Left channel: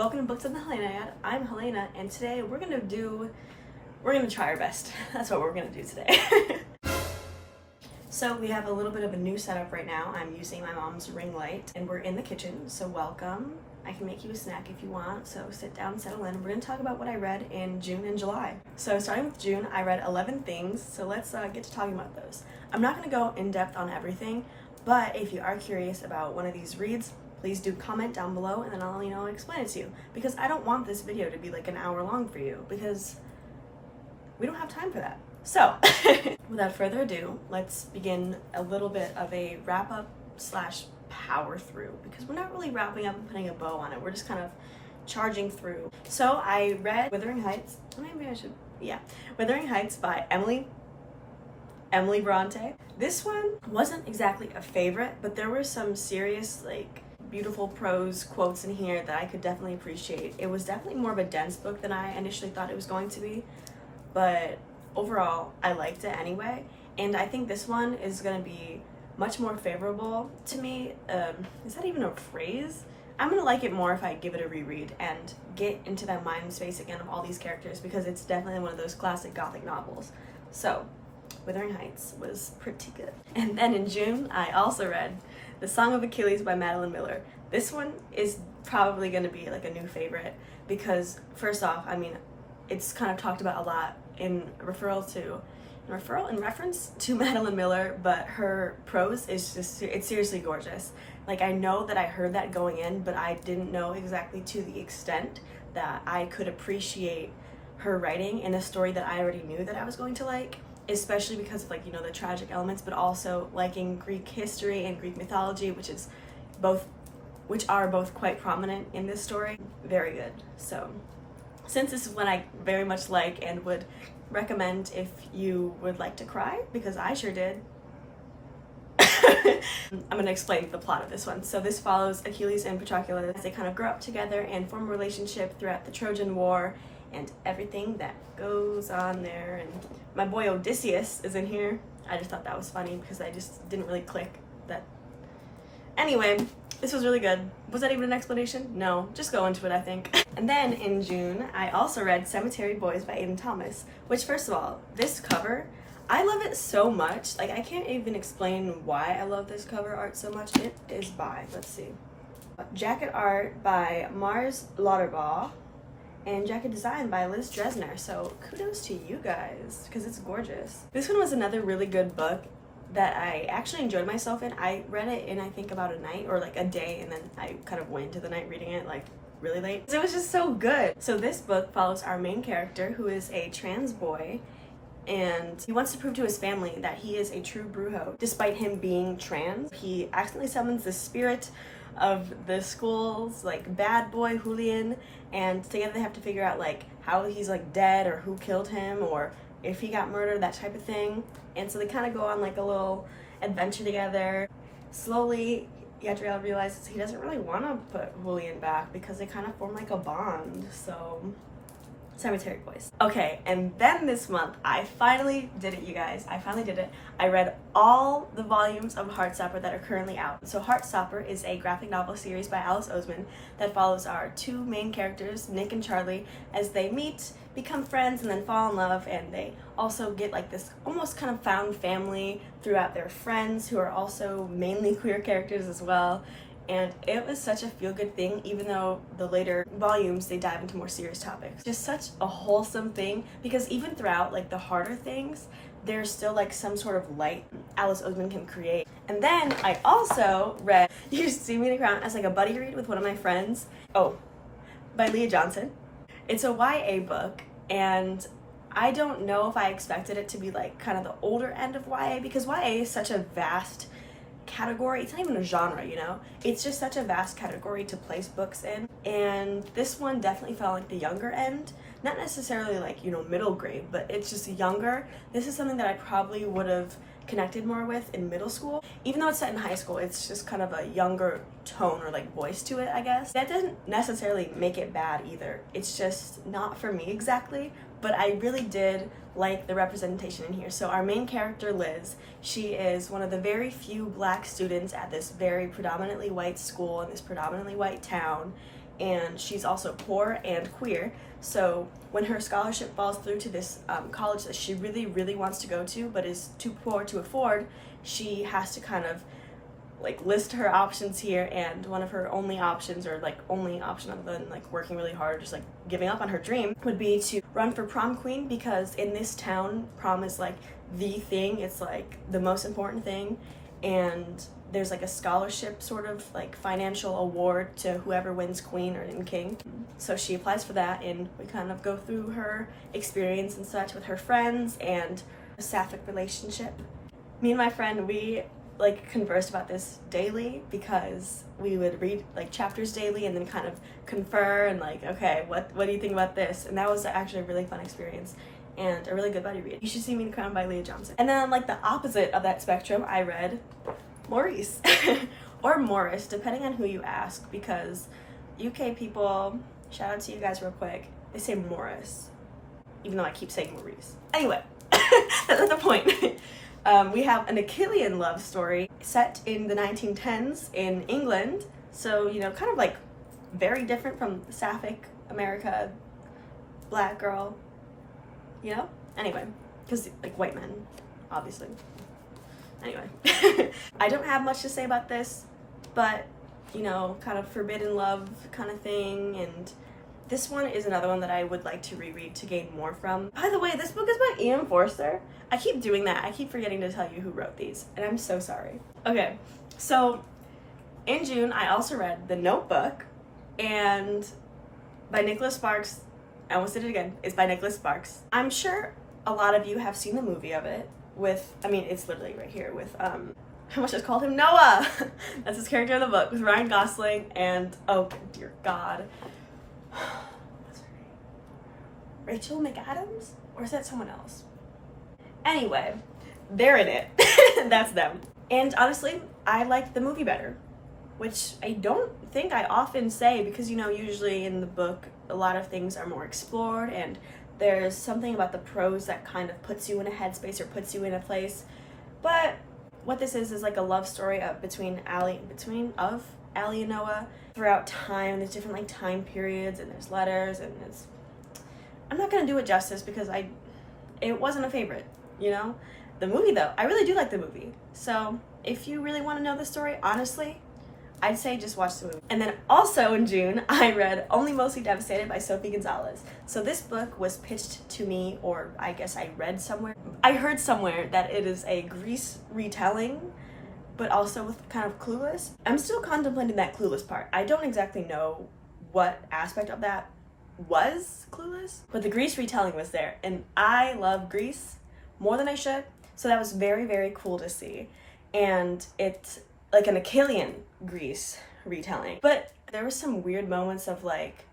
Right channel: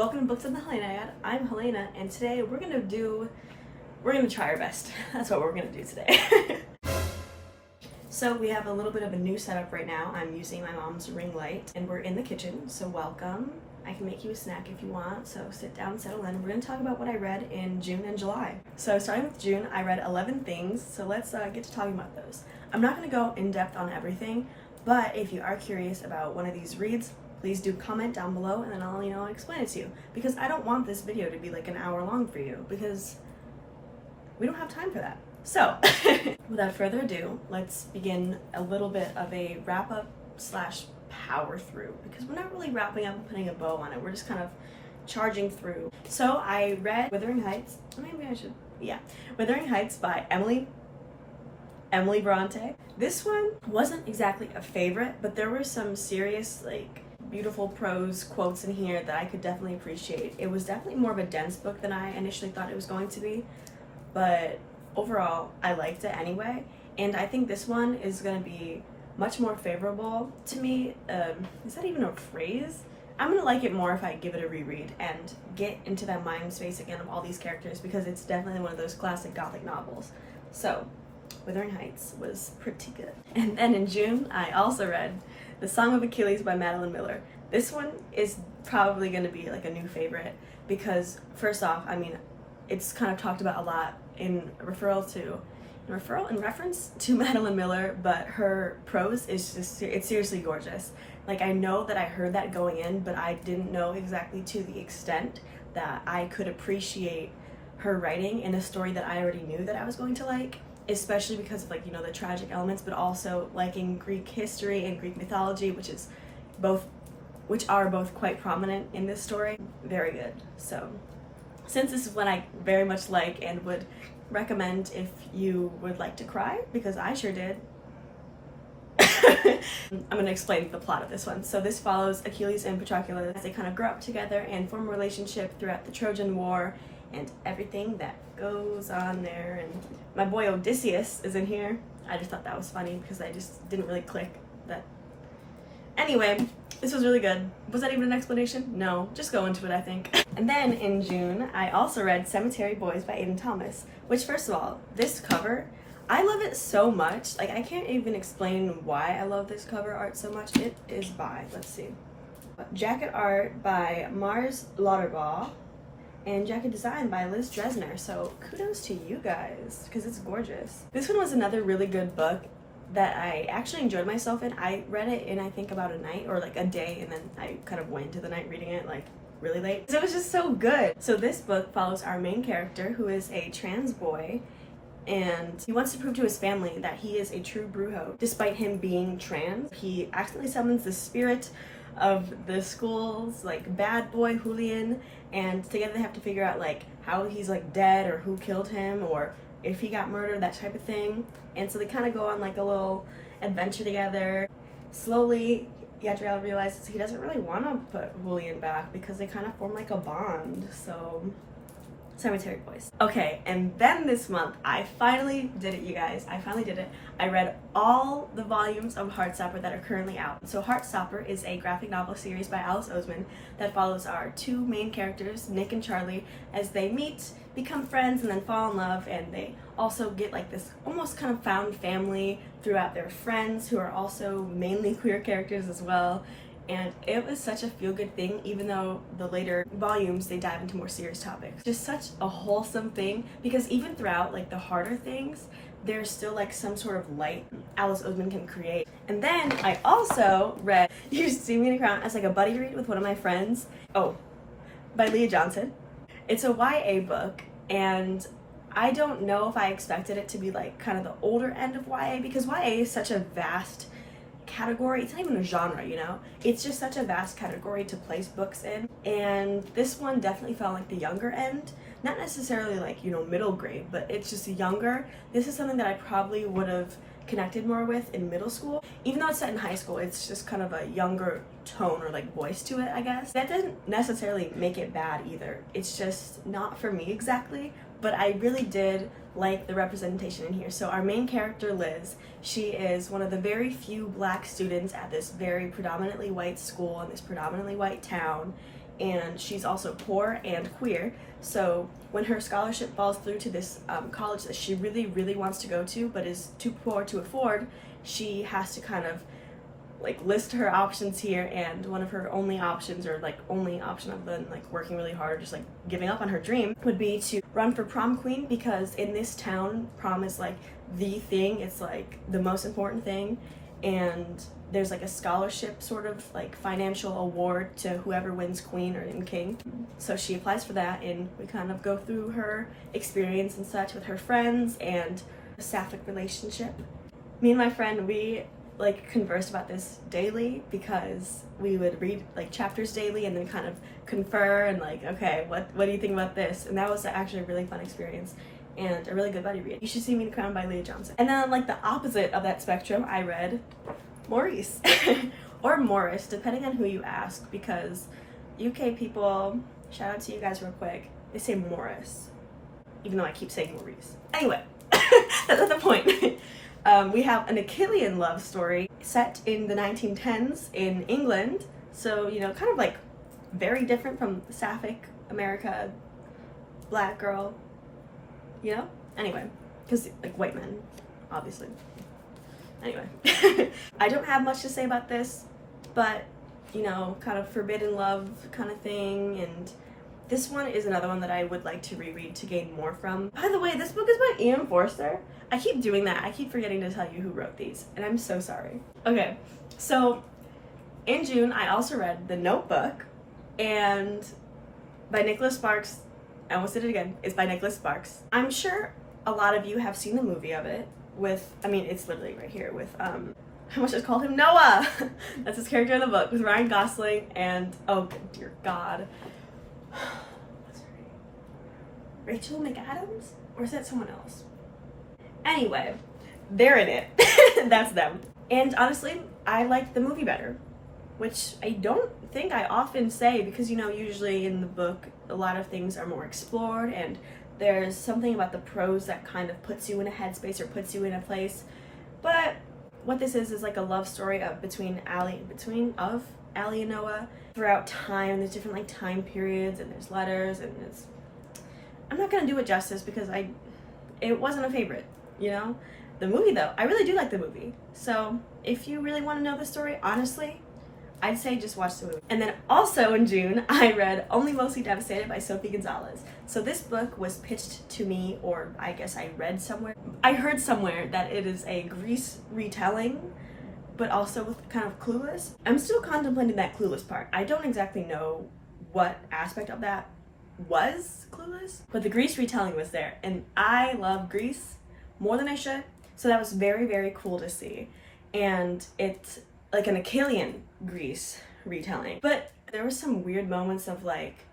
Welcome to Books of the Helena. I'm Helena, and today we're gonna try our best. That's what we're gonna do today. So we have a little bit of a new setup right now. I'm using my mom's ring light, and we're in the kitchen, so welcome. I can make you a snack if you want, so sit down, settle in. We're gonna talk about what I read in June and July. So starting with June, I read 11 things, so let's get to talking about those. I'm not gonna go in depth on everything, but if you are curious about one of these reads, please do comment down below and then I'll, explain it to you. Because I don't want this video to be like an hour long for you because we don't have time for that. So, without further ado, let's begin a little bit of a wrap up slash power through because we're not really wrapping up and putting a bow on it. We're just kind of charging through. So I read Wuthering Heights. Wuthering Heights by Emily Brontë. This one wasn't exactly a favorite, but there were some serious beautiful prose quotes in here that I could definitely appreciate. It was definitely more of a dense book than I initially thought it was going to be, but overall I liked it anyway, and I think this one is going to be much more favorable to me. Is that even a phrase? I'm going to like it more if I give it a reread and get into that mind space again of all these characters, because it's definitely one of those classic gothic novels. So Wuthering Heights was pretty good. And then in June, I also read The Song of Achilles by Madeline Miller. This one is probably going to be like a new favorite because, first off, it's kind of talked about a lot in reference to Madeline Miller, but her prose is it's seriously gorgeous. I know that I heard that going in, but I didn't know exactly to the extent that I could appreciate her writing in a story that I already knew that I was going to like, especially because of the tragic elements, but also liking Greek history and Greek mythology, which are both quite prominent in this story. Very good. So since this is one I very much like and would recommend if you would like to cry, because I sure did, I'm going to explain the plot of this one. So this follows Achilles and Patroclus as they kind of grow up together and form a relationship throughout the Trojan War and everything that goes on there. And my boy Odysseus is in here. I just thought that was funny because I just didn't really click that. Anyway, this was really good. Was that even an explanation? No, just go into it, I think. And then in June, I also read Cemetery Boys by Aiden Thomas, which, first of all, this cover, I love it so much. I can't even explain why I love this cover art so much. It is by, let's see, jacket art by Mars Lauterbaugh and jacket design by Liz Dresner. So kudos to you guys because it's gorgeous. This one was another really good book that I actually enjoyed myself in. I read it in I think about a night or a day, and then I kind of went into the night reading it really late. It was just so good. So this book follows our main character, who is a trans boy, and he wants to prove to his family that he is a true brujo. Despite him being trans, he accidentally summons the spirit of the school's bad boy Julian, and together they have to figure out how he's dead or who killed him or if he got murdered, that type of thing. And so they kind of go on a little adventure together. Slowly, Yadriel realizes he doesn't really want to put Julian back because they kind of form a bond. So Cemetery Boys. Okay, and then this month, I finally did it, you guys. I finally did it. I read all the volumes of Heartstopper that are currently out. So Heartstopper is a graphic novel series by Oseman that follows our two main characters, Nick and Charlie, as they meet, become friends, and then fall in love, and they also get this almost kind of found family throughout their friends who are also mainly queer characters as well. And it was such a feel-good thing, even though the later volumes, they dive into more serious topics. Just such a wholesome thing, because even throughout, the harder things, there's still, some sort of light Alice Oseman can create. And then I also read You See Me in a Crown as, a buddy read with one of my friends. Oh, by Leah Johnson. It's a YA book, and I don't know if I expected it to be, kind of the older end of YA, because YA is such a vast category. It's not even a genre, it's just such a vast category to place books in, and this one definitely felt the younger end, not necessarily middle grade, but it's just younger. This is something that I probably would have connected more with in middle school. Even though it's set in high school, it's just kind of a younger tone or voice to it, I guess. That doesn't necessarily make it bad either. It's just not for me exactly, but I really did like the representation in here. So our main character, Liz, she is one of the very few black students at this very predominantly white school in this predominantly white town, and she's also poor and queer. So when her scholarship falls through to this college that she really, really wants to go to, but is too poor to afford, she has to kind of like list her options here, and one of her only options, or like only option other than like working really hard or just like giving up on her dream, would be to run for prom queen, because in this town prom is like the thing. It's like the most important thing, and there's like a scholarship sort of like financial award to whoever wins queen or in king. So she applies for that, and we kind of go through her experience and such with her friends and a sapphic relationship. Me and my friend, we like conversed about this daily, because we would read like chapters daily and then kind of confer and like, okay, what do you think about this? And that was actually a really fun experience and a really good buddy read. You Should See Me in Crown by Leah Johnson. And then on like the opposite of that spectrum, I read Maurice or Morris, depending on who you ask, because UK people, shout out to you guys real quick, they say Morris, even though I keep saying Maurice. Anyway, that's not the point. We have an Achillean love story set in the 1910s in England, so, you know, kind of like very different from Sapphic America, black girl, you know? Anyway, because like white men, obviously. Anyway, I don't have much to say about this, but, you know, kind of forbidden love kind of thing, and this one is another one that I would like to reread to gain more from. By the way, this book is by Ian Forster. I keep doing that. I keep forgetting to tell you who wrote these, and I'm so sorry. Okay, so in June, I also read The Notebook, and by Nicholas Sparks. I almost did it again. It's by Nicholas Sparks. I'm sure a lot of you have seen the movie of it with, I mean, it's literally right here with, I almost just called him Noah. That's his character in the book, with Ryan Gosling and, oh dear God. What's her name? Rachel McAdams? Or is that someone else? Anyway, they're in it. That's them. And honestly, I like the movie better, which I don't think I often say, because, you know, usually in the book, a lot of things are more explored, and there's something about the prose that kind of puts you in a headspace or puts you in a place. But what this is like a love story of Allie and Noah throughout time. There's different like time periods, and there's letters, and there's, I'm not gonna do it justice because it wasn't a favorite, you know? The movie though, I really do like the movie. So if you really want to know the story, honestly, I'd say just watch the movie. And then also in June, I read Only Mostly Devastated by Sophie Gonzales. So this book was pitched to me, or I guess I read somewhere. I heard somewhere that it is a Grease retelling, but also with kind of Clueless. I'm still contemplating that Clueless part. I don't exactly know what aspect of that was Clueless, but the Grease retelling was there. And I love Grease more than I should. So that was very, very cool to see. And it's like an Achillean Grease retelling. But there was some weird moments of like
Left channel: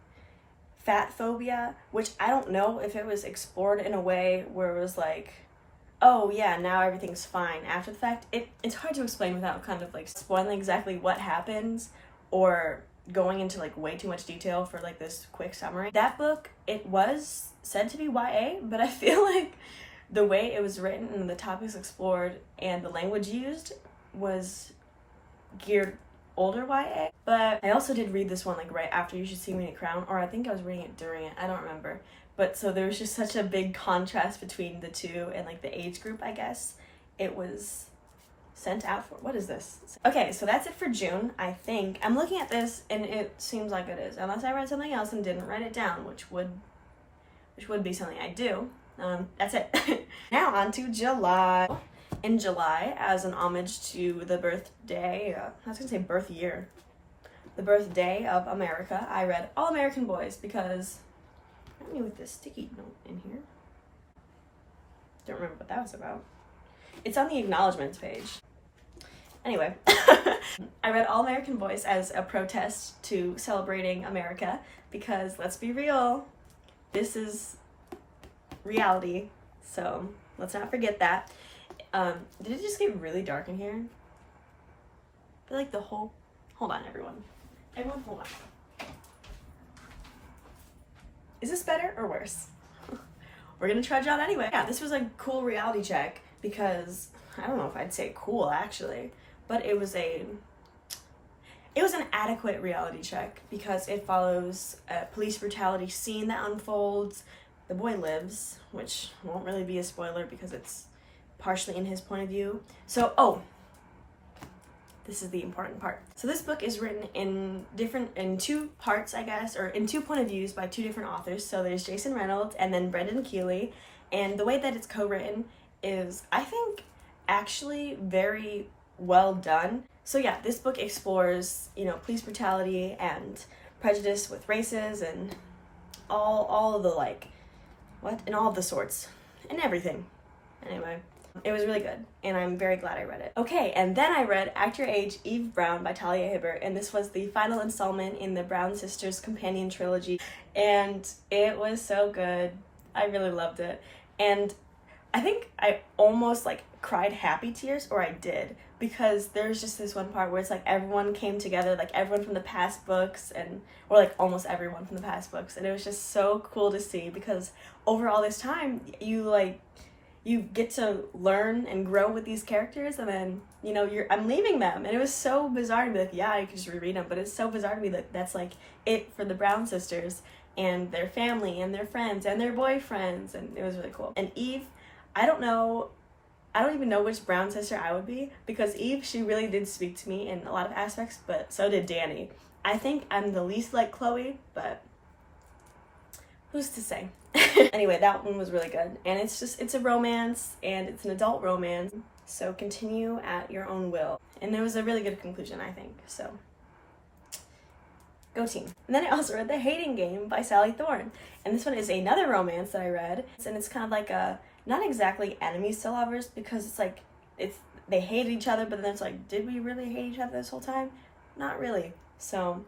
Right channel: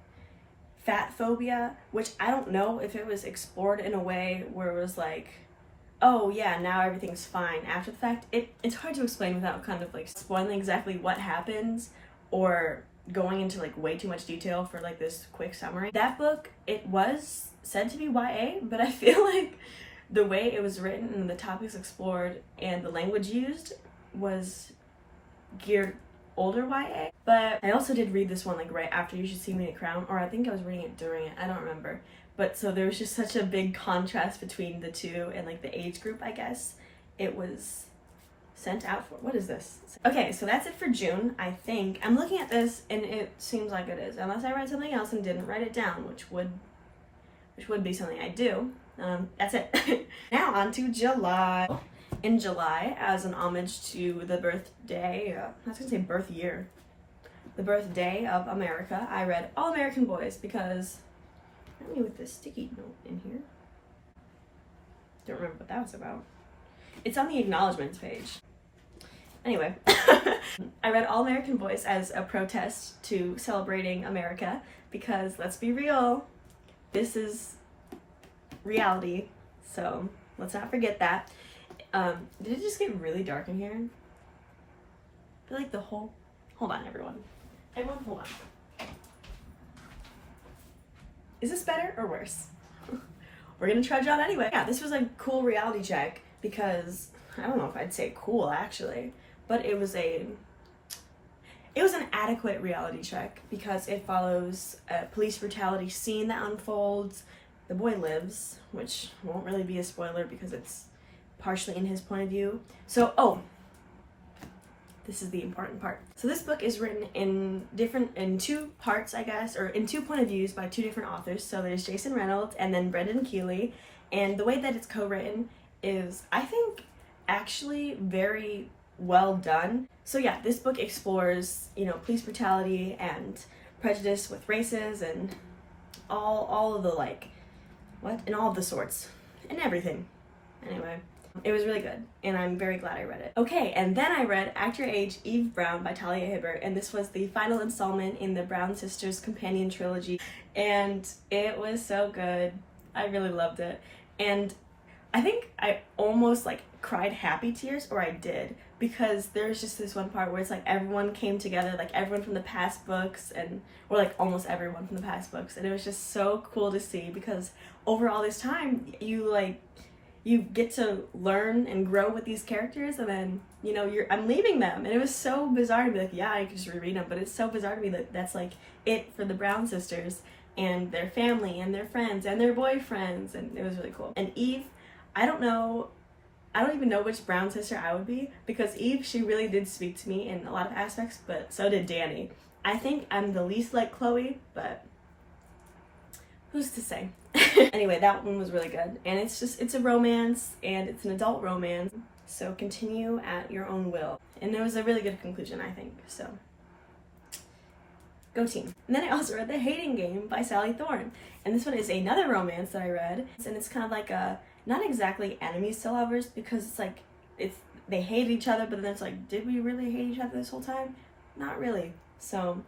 fat phobia, which I don't know if it was explored in a way where it was like, oh yeah, now everything's fine after the fact. It's hard to explain without kind of like spoiling exactly what happens or going into like way too much detail for like this quick summary. That book, it was said to be YA, but I feel like the way it was written and the topics explored and the language used was geared older YA. But I also did read this one like right after You Should See Me in a Crown, or I think I was reading it during it, I don't remember. But so there was just such a big contrast between the two and like the age group, I guess. It was sent out for. What is this? Okay, so that's it for June, I think. I'm looking at this and it seems like it is, unless I read something else and didn't write it down, which would be something I do. That's it. Now on to July. In July, as an homage to the birthday, I was gonna say birth year, the birthday of America, I read All American Boys because, help me with this sticky note in here. Don't remember what that was about. It's on the acknowledgements page. Anyway, I read All American Boys as a protest to celebrating America because, let's be real, this is reality, so let's not forget that. Did it just get really dark in here? I feel like the whole... Hold on, everyone. Everyone, hold on. Is this better or worse? We're gonna trudge on anyway. Yeah, this was a cool reality check because, I don't know if I'd say cool, actually, but it It was an adequate reality check because it follows a police brutality scene that unfolds. The boy lives, which won't really be a spoiler because it's partially in his point of view. So, this is the important part. So this book is written in two parts, I guess, or in two point of views by two different authors. So there's Jason Reynolds and then Brendan Kiely. And the way that it's co-written is, I think, actually very well done. So yeah, this book explores, police brutality and prejudice with races and all of the and all of the sorts and everything. Anyway, it was really good and I'm very glad I read it. Okay, and then I read Act Your Age, Eve Brown by Talia Hibbert, and this was the final installment in the Brown Sisters companion trilogy, and it was so good. I really loved it. And I think I almost cried happy tears, or I did, because there's just this one part where it's everyone came together, everyone from the past books, or almost everyone from the past books, and it was just so cool to see because over all this time you get to learn and grow with these characters, and then I'm leaving them, and it was so bizarre to be yeah, I could just reread them, but it's so bizarre to me that that's it for the Brown sisters and their family and their friends and their boyfriends, and it was really cool. And Eve, I don't even know which Brown sister I would be, because Eve, she really did speak to me in a lot of aspects, but so did Danny. I think I'm the least like Chloe, but who's to say? Anyway, that one was really good, and it's a romance, and it's an adult romance, so continue at your own will. And there was a really good conclusion, I think, so go team. And then I also read The Hating Game by Sally Thorne, and this one is another romance that I read, and it's kind of a not exactly enemies to lovers, because they hate each other, but then it's did we really hate each other this whole time? Not really. So,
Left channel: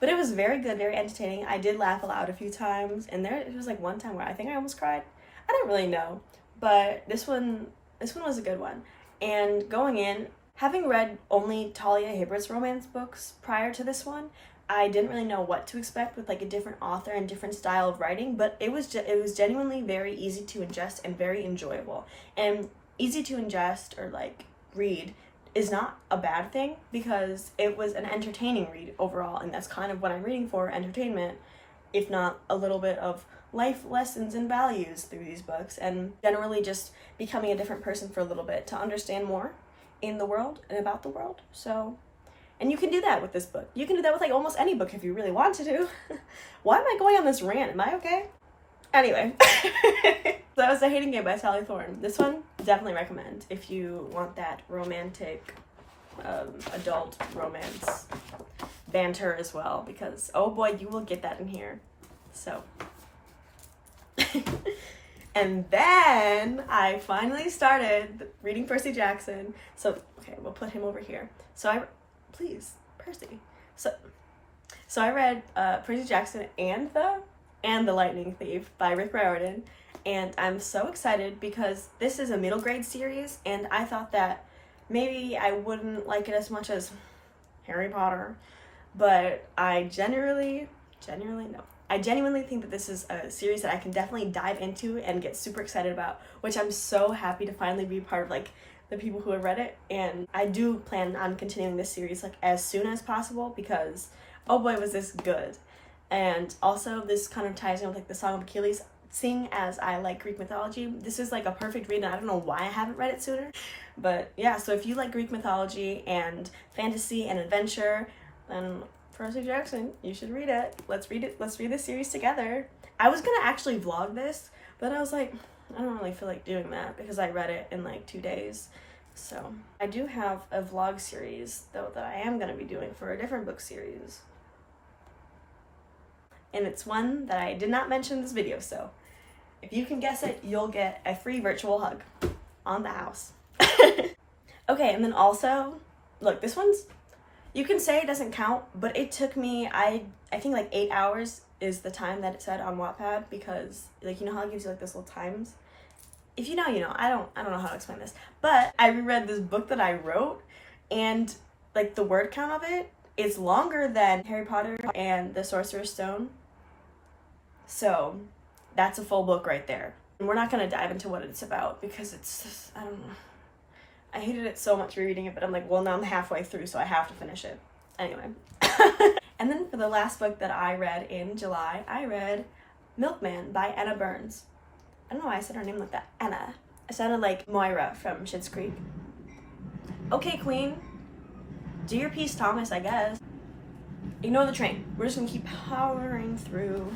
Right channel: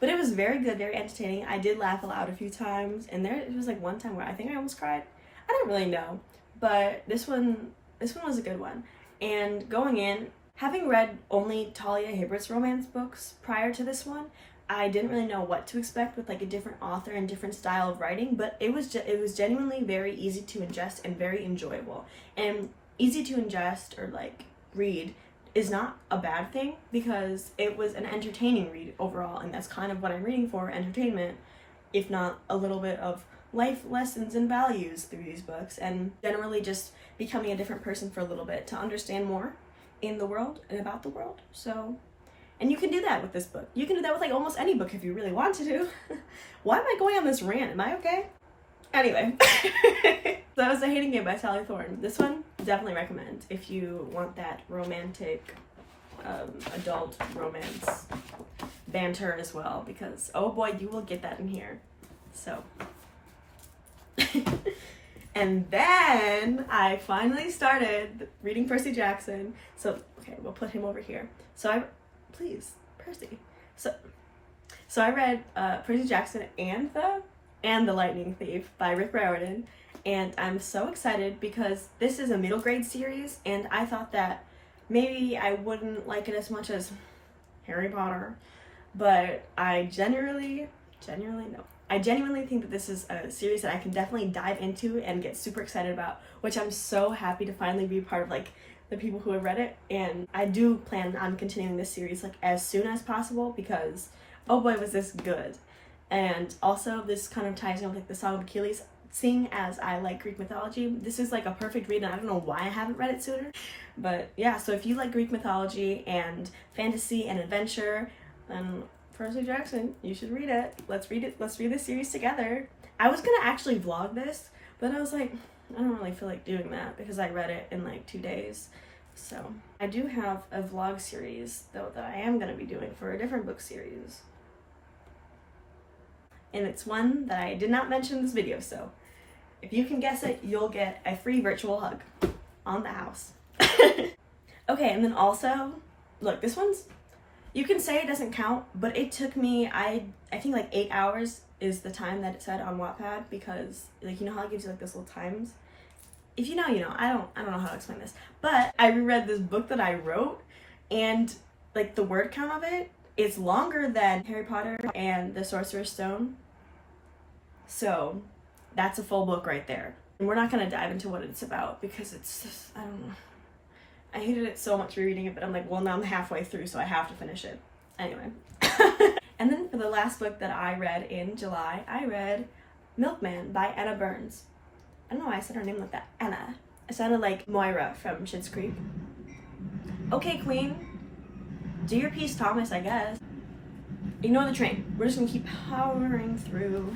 but it was very good, very entertaining. I did laugh aloud a few times, and it was one time where I think I almost cried. I don't really know, but this one was a good one. And going in, having read only Talia Hibbert's romance books prior to this one, I didn't really know what to expect with a different author and different style of writing, but it was genuinely very easy to ingest and very enjoyable. And easy to ingest or read is not a bad thing, because it was an entertaining read overall, and that's kind of what I'm reading for, entertainment, if not a little bit of life lessons and values through these books, and generally just becoming a different person for a little bit to understand more in the world and about the world. So, and you can do that with this book. You can do that with almost any book if you really want to do. Why am I going on this rant? Am I okay? Anyway, so that was The Hating Game by Sally Thorne. This one, definitely recommend if you want that romantic, adult romance banter as well, because oh boy, you will get that in here. So, and then I finally started reading Percy Jackson. So, okay, we'll put him over here. Please, Percy. So I read Percy Jackson and The Lightning Thief by Riordan, and I'm so excited because this is a middle grade series, and I thought that maybe I wouldn't like it as much as Harry Potter, but I genuinely think that this is a series that I can definitely dive into and get super excited about, which I'm so happy to finally be part of the people who have read it. And I do plan on continuing this series as soon as possible, because oh boy was this good. And also this kind of ties in with the Song of Achilles, seeing as I like Greek mythology. This is a perfect read, and I don't know why I haven't read it sooner, but yeah. So if you like Greek mythology and fantasy and adventure, then Percy Jackson, you should read it. Let's read this series together. I was gonna actually vlog this, but I was I don't really feel like doing that because I read it in 2 days. So I do have a vlog series though that I am gonna be doing for a different book series, and it's one that I did not mention in this video, so if you can guess it, you'll get a free virtual hug on the house. Okay, and then also, look, this one's, you can say it doesn't count, but it took me, I think 8 hours is the time that it said on Wattpad, because you know how it gives you this little times? If you know, you know. I don't know how to explain this, but I reread this book that I wrote, and the word count of it is longer than Harry Potter and the Sorcerer's Stone. So that's a full book right there. And we're not going to dive into what it's about because it's just, I don't know. I hated it so much rereading it, but I'm well, now I'm halfway through, so I have to finish it. Anyway. And then for the last book that I read in July, I read Milkman by Anna Burns. I don't know why I said her name like that. Anna. I sounded like Moira from Schitt's Creek. Okay, Queen. Do your piece, Thomas, I guess. Ignore the train. We're just gonna keep powering through.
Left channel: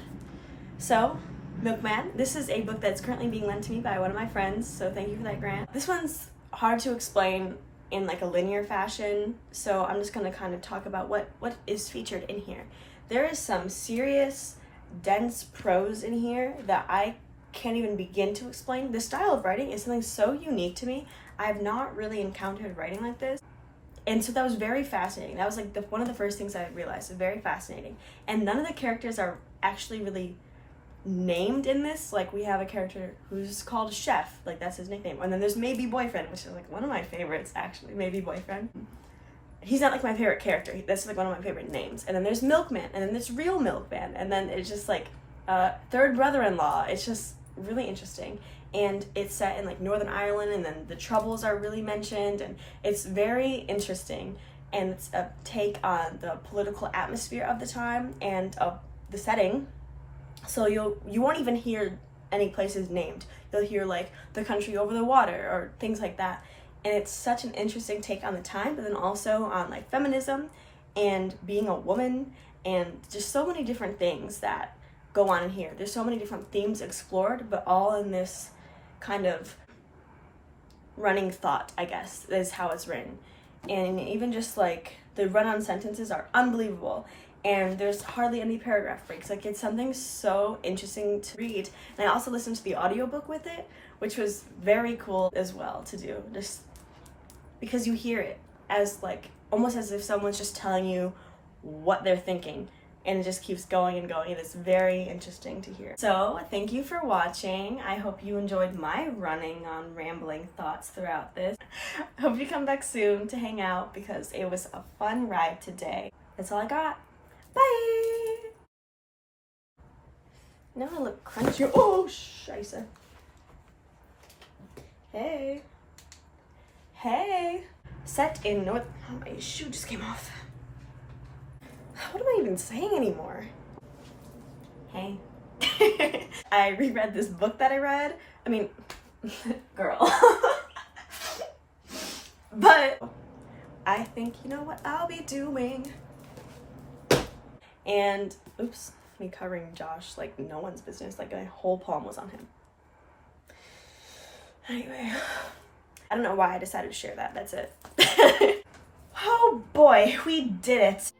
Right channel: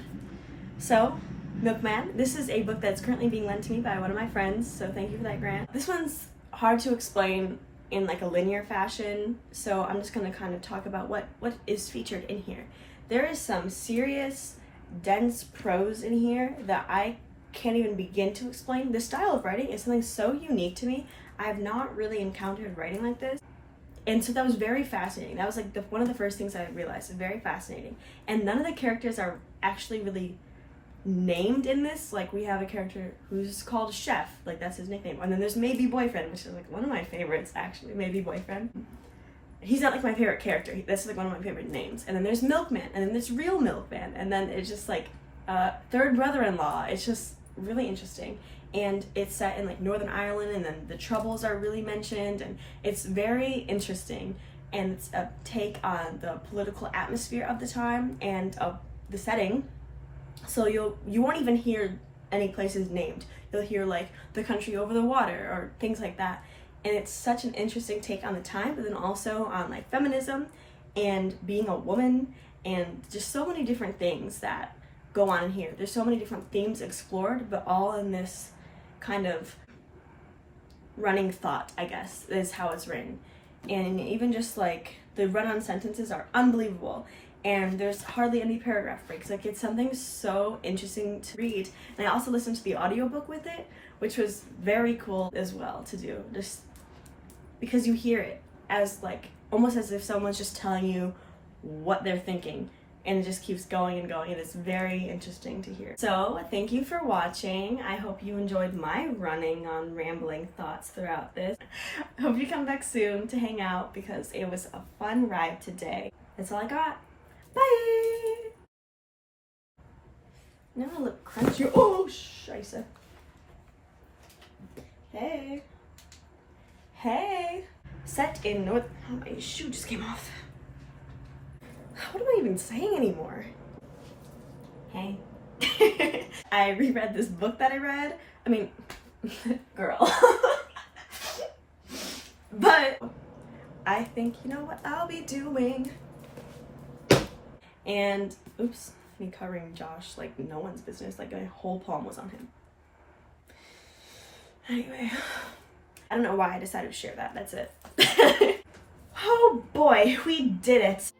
So, Milkman. This is a book that's currently being lent to me by one of my friends, so thank you for that, Grant. This one's hard to explain in like a linear fashion, so I'm just gonna kind of talk about what is featured in here. There is some serious, dense prose in here that I can't even begin to explain. The style of writing is something so unique to me. I've not really encountered writing like this. And so that was very fascinating. That was like one of the first things I realized. Very fascinating. And none of the characters are actually really named in this. Like, we have a character who's called Chef, like that's his nickname. And then there's Maybe Boyfriend, which is like one of my favorites, actually. Maybe Boyfriend. He's not like my favorite character. That's like one of my favorite names. And then there's Milkman, and then there's Real Milkman, and then it's just like third brother-in-law. It's just really interesting. And it's set in like Northern Ireland, and then the Troubles are really mentioned, and it's very interesting. And it's a take on the political atmosphere of the time and of the setting. So you won't even hear any places named. You'll hear like the country over the water or things like that. And it's such an interesting take on the time, but then also on like feminism and being a woman and just so many different things that go on in here. There's so many different themes explored, but all in this kind of running thought, I guess, is how it's written. And even just like the run-on sentences are unbelievable. And there's hardly any paragraph breaks. Like, it's something so interesting to read. And I also listened to the audiobook with it, which was very cool as well to do. Just because you hear it as like, almost as if someone's just telling you what they're thinking. And it just keeps going and going. It's very interesting to hear. So, thank you for watching. I hope you enjoyed my running on rambling thoughts throughout this. I hope you come back soon to hang out because it was a fun ride today. That's all I got. Bye! Now I look crunchy. Oh, scheisse. Hey. Hey. Set in North... Oh, my shoe just came off. What am I even saying anymore? Hey. I reread this book that I read. I mean, girl. But I think, you know what I'll be doing? And, oops, me covering Josh like no one's business, like my whole palm was on him. Anyway, I don't know why I decided to share that, that's it. Oh boy, we did it.